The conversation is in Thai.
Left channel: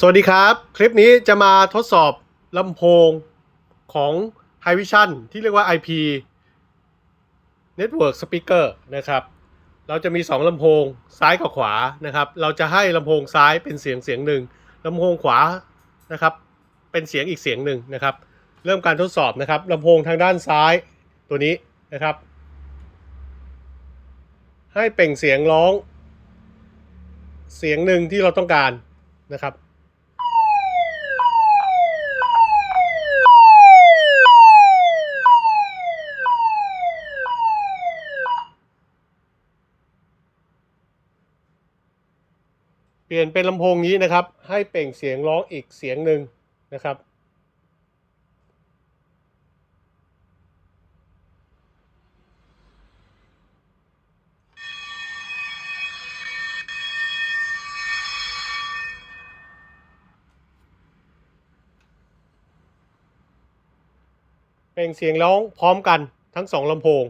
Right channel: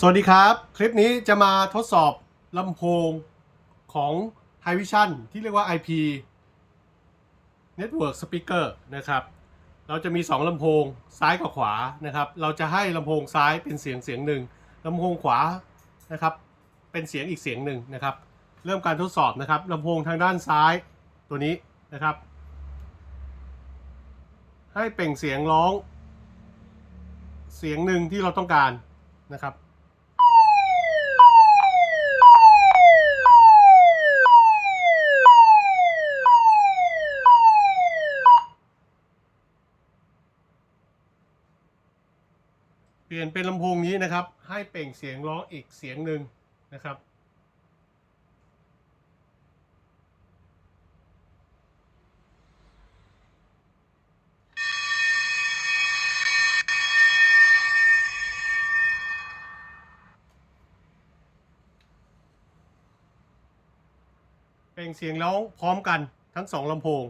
สวัสดีครับ คลิปนี้จะมาทดสอบลำโพงของ h i Vision ที่เรียกว่า IP Network Speaker นะครับ เราจะมี 2ลำโพงซ้ายกับขวานะครับ เราจะให้ลำโพงซ้ายเป็นเสียงเสียงหนึ่งลำโพงขวานะครับ เป็นเสียงอีกเสียงหนึ่งนะครับ เริ่มการทดสอบนะครับลำโพงทางด้านซ้ายตัวนี้นะครับ ให้เปล่งเสียงร้อง เสียงหนึ่งที่เราต้องการนะครับ เปลี่ยนเป็นลำโพงนี้นะครับ ให้เปล่งเสียงร้องอีกเสียงหนึ่งนะครับเปล่งเสียงร้องพร้อมกันทั้งสองลำโพง